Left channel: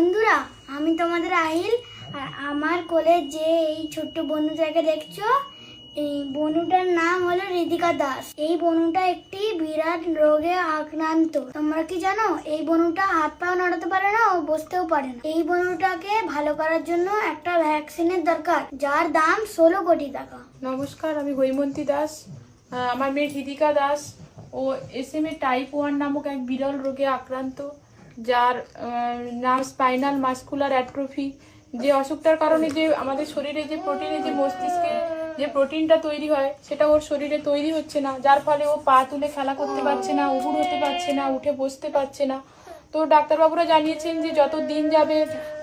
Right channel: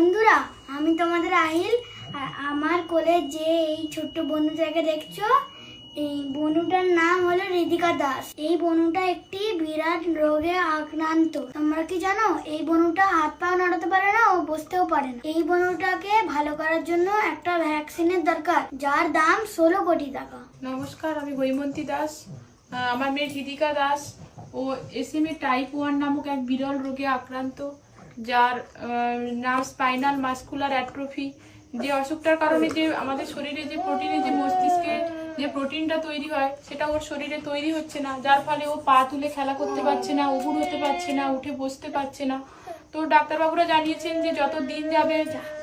বন্ধুরা, আমি তোমাদের আহিল। আর আমার কোলে যে এই ছোট্ট বনুটাকে দেখছো, এই বনুটার নাম হলো ঋতিকা দাস। এই বনুটা একটি বিরাট রোগে আক্রান্ত। তোমরা কি জানো এই বনুটা হাত পা নাড়াতে পারে না ও বসতেও পারে না। এই বনুটাকে ভালো করার জন্য একটা ভ্যাকসিনের দরকার, যার দাম 16 কোটি টাকা। নমস্কার, আমি হৈমন্তী দাস। আমার মেয়ে ঋতিকা দাস ও SMA টাইপ 1 নামক এক বিরল রোগে আক্রান্ত, যার নাম স্পাইনাল মাসকুলার অ্যাট্রোফি। যে অসুখটার কারণে যে আমাদের শরীরে যে প্রোটিনে যে মস্তিষ্কে যে প্রোটিনটা তৈরি হয় সেটা ওর শরীরে তৈরি হচ্ছে না, যার ফলে ও পা তুলে খেলা করতে পারছে না, উঠে হতে পারছে না, উঠে বসতে পারছে না। তো ডাক্তারবাবুরা জানিয়েছেন যে যত দিন যাবে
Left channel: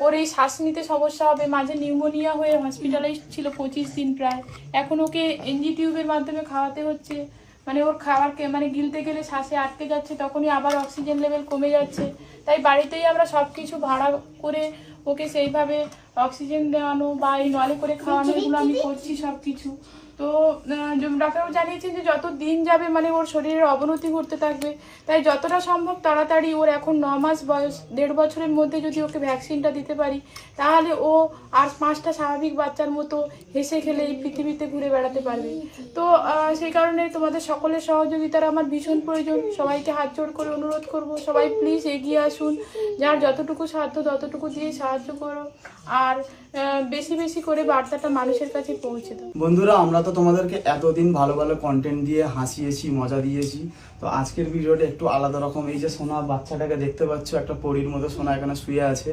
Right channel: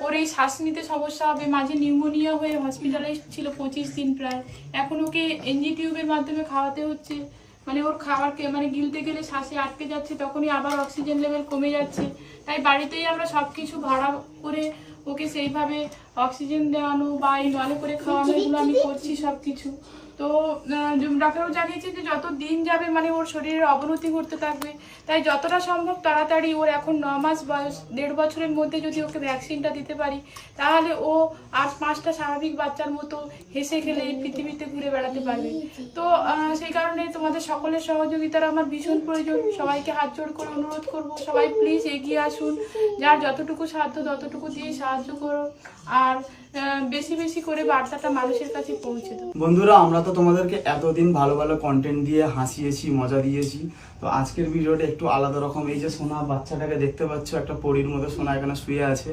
ওর এই শ্বাস নিতে সমস্যা হবে। মাঝে নিউমোনিয়া হয়ে হসপিটালাইজড ছিল 25 দিন প্রায়। এখন ওকে এনজি টিউবের মাধ্যমে খাওয়াতে হচ্ছে। মানে ওর খাবারকে গিলতে গেলে শ্বাসে আটকে যাচ্ছে, তখনই আবার অক্সিজেন লেভেল কমে যাচ্ছে। তাই বাড়িতেই আমরা সব কিছু ভাড়া করে ওকে সেইভাবে অক্সিজেন দেওয়ানো বা এই নলে করে খাওয়ানো, এগুলো আমি করছি সব কিছু। তো ডাক্তারবাবু জানিয়েছেন যে যত দিন যাবে ওর শরীরের অবনতি ঘটতে থাকবে। তাই যতটা সম্ভব তাড়াতাড়ি, ওর এখন 9 মাস বয়স, 1.5 বছরের মধ্যে যদি ওকে ভ্যাকসিনটা দিতে পারি, তাহলে ও আর 5টা স্বাভাবিক বাচ্চার মতো হেসে খেলে এই পৃথিবীতে ঘুরে বেড়াতে পারবে। তো সেই কারণে তোমাদের সকলের সহযোগিতার আমার ভীষণ প্রয়োজন। সবাইকে হাত জোড় করে অনুরোধ করব, সবাই প্লিজ এগিয়ে আসুন। যার যতটুকু সাধ্য ততটুকু দিয়ে সাহায্য করো, আর বেশি বেশি করে বার্তাটা মানুষের কাছে পৌঁছে দাও। বন্ধুরা, আমরা তো তোমাদেরকে এতদিন ভালো ভালো কন্টেন্ট দিয়ে হাসিয়েছি, মজা দিয়েছি। তো আজকের ভিডিওটা একটু আলাদা রকম। এই যে সোনা বাচ্চাটাকে দেখতে পাচ্ছ, একটা পরীর মতো সোনা এখানে শুয়ে আছে।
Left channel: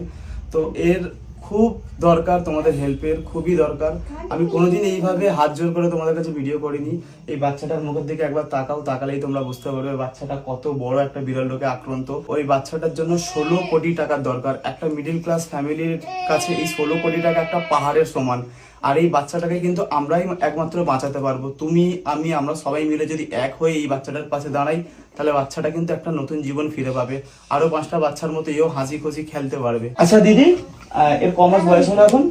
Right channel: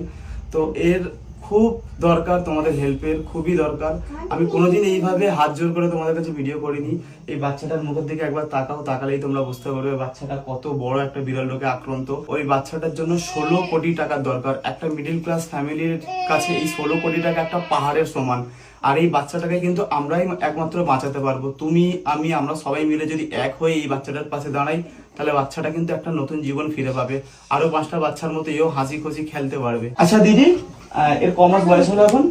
তো এর খুব দরকার তোমাদের হেল্পের, খুবই দরকার। আমি কোনোদিন এইভাবে হাত জোর করে তোমাদের কাছে ভিডিও করিনি। এই বাচ্চাটার মুখের দিকে একবার তাকাও, তাকালেই তোমরা বুঝতে পারবে বাচ্চাটা কত বড় একটা বিরল রোগে আক্রান্ত। ওই বাচ্চাটার জন্য 16 কোটি টাকার দরকার। একটা মিডিল ক্লাস ফ্যামিলির কাছে এই 16 কোটি টাকা একটা পাহাড়ের সমান। আর এই বাচ্চাটাকে কিন্তু আমরাই একমাত্র বাঁচাতে পারবো। তুমি, আমি, আমরা সবাই মিলে যদি এক হয়ে এই বাচ্চাটার পাশে দাঁড়াই, তাহলে বাচ্চাটা কিন্তু একটা নতুন জীবন ফিরে পাবে। আরো 5টা বাচ্চার মতো এও হাসি খুশি খেলতে পারবে। আচ্ছা দিদি, এর ক মাস বয়স হলো এখন?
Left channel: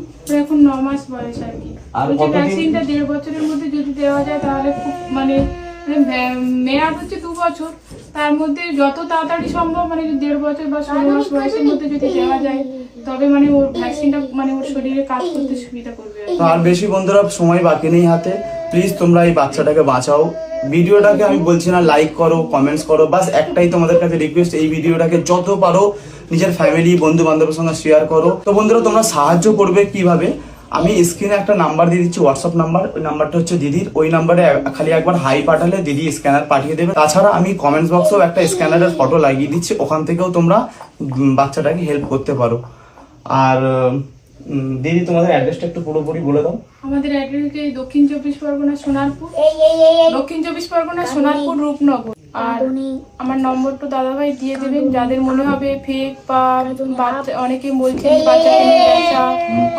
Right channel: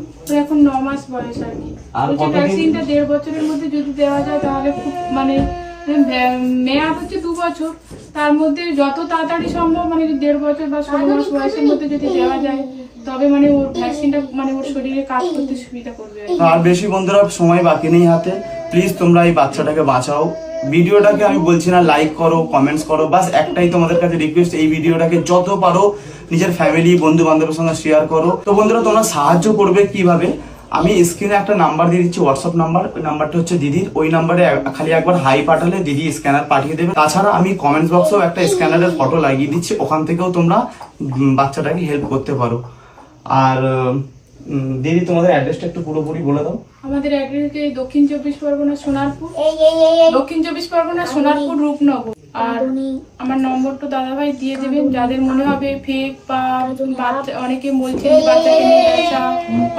এখন 9 মাস বয়স আর কি। আর ভ্যাকসিনটা 1.5 বছরের মধ্যে যদি দেওয়া যায় তাহলে খুব মেয়াদ হচ্ছে 2 বছর। তার মধ্যে যত তাড়াতাড়ি সম্ভব 1.5 বছর বা 16 মাস বয়সের মধ্যে যদি দেওয়া যায়, তবে ওর ভ্যাকসিনটা ওর শরীরে কাজ করতে সুবিধা করবে। আর বেশি বন্ধুরা সময় বাকি নেই হাতে। প্লিজ তোমরা এই বাচ্চাটাকে বাঁচাও। ভিডিওটাকে আমি বলছি না লাইক করো, কমেন্টস করো, বাস একটাই তোমাদের কাছে রিকোয়েস্ট, এই ভিডিওটাকে যত পারো নিজের ফ্যামিলি, বন্ধু বান্ধবের সঙ্গে শেয়ার করো। তো বন্ধুরা, তোমরা সাহায্য করবে কিভাবে? আমি স্ক্রিনে একটা নাম্বার দিয়ে দিচ্ছি, হোয়াটসঅ্যাপ নাম্বার। ওই নাম্বারটা হচ্ছে দিদির। ওই নাম্বারে খালি একবার হাই পাঠালে দিদি স্ক্যানার পাঠিয়ে দেবে। তাছাড়া আমি কমেন্টস বক্সেও একটা স্ক্যানারের ফটো লাগিয়ে দিচ্ছি, ওখান থেকেও তোমরা বাচ্চাটাকে হেল্প করতে পারো। আর দিদি, তোমাদের অ্যাড্রেসটা একটু পুরোপুরি বলে দাও। আমাদের অ্যাড্রেস দক্ষিণ 24 পরগনা সোনারপুর, দক্ষিণ 24 পরগনা সোনারপুর রূপনগর। আর আমার নম্বরটা দাদাভাই দিয়ে দেবেন। যাদের মনে হবে ফেক বা অনেকে বলছেন বাচ্চাকে নিয়ে ব্যবসা,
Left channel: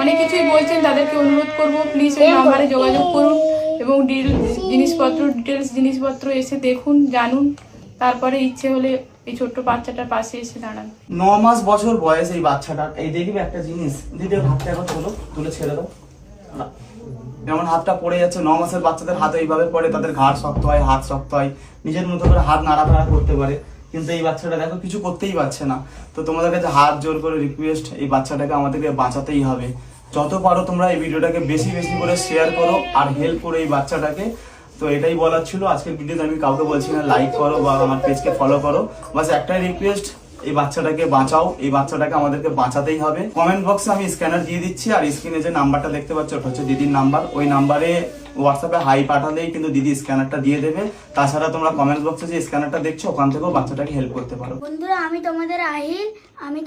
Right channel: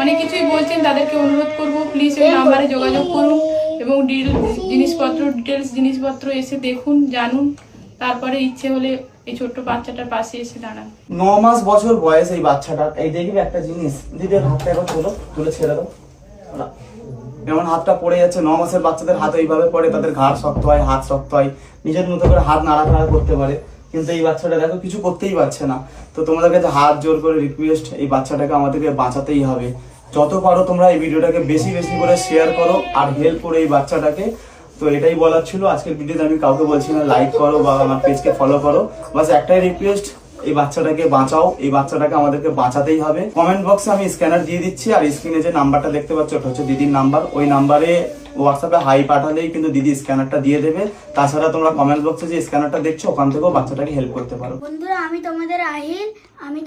অনেক কিছুই বলছেন, তাদেরকে অনুরোধ করবো প্লিজ ওই নাম্বারে যোগাযোগ করুন এবং ডিটেলস জিনিসপত্র এসে দেখুন, জানুন। তারপরে ইচ্ছে হলে এই ছোট্ট বাচ্চাটার পাশে এসে দাঁড়ান। 9 মাস বছর বয়স এই বাচ্চাটার। এই দেখবি একটা জিনিস, দিদি হাতটা একবার তোলো, তুলে ছেড়ে দাও। যেমন হাতটা পড়ে যাচ্ছে, 9 মাসের বাচ্চাদের হাত এইভাবে পড়ে, তাদের ঘাড় শক্ত হয়, হাত শক্ত হয়, নিজের মতো করে হাত নাড়াচাড়া করতে পারে। কিন্তু এই বাচ্চাটা দেখো কিছু করতেই পারছে না। তো তোমাদের কাছে হাত জোর করে রিকোয়েস্ট, এই বাচ্চাটাকে আমাদেরকে বাঁচাতেই হবে। যত পারো তোমরা এই ভিডিওটাকে বেশি বেশি করে শেয়ার করো আর হেল্প করো এই বাচ্চাটাকে। তো এটাই বলার ছিল আজকের ভিডিওতে। আমি কাউকে বলছি না লাইক করো বা আমার পেজকে ফলো করো, বাস একটাই রিকোয়েস্ট, এই বাচ্চাটাকে বাঁচাও। এই বাচ্চাটাকে আমাদেরকে বাঁচাতেই হবে। কমেন্ট বক্সে আমি স্ক্যানার দিয়ে দিচ্ছি, আর স্ক্রিনে যে নাম্বারটা দেখতে পাচ্ছ ওটা হচ্ছে দিদির নাম্বার। ওই নাম্বারে হোয়াটসঅ্যাপে হাই পাঠালেই কিন্তু দিদি স্ক্যানারটা দিয়ে দেবে। তাছাড়া তোমরা কমেন্ট বক্সে যে স্ক্যানারটা দেখছো ওখান থেকেও বাচ্চাটাকে হেল্প করতে পারো। বন্ধুরা, আমি তোমাদের আহিল। আমি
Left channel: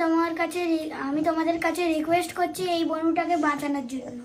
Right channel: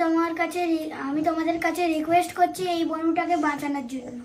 তোমাদের কাছে রিকোয়েস্ট করছি এই বনুটাকে বাঁচানোর জন্য।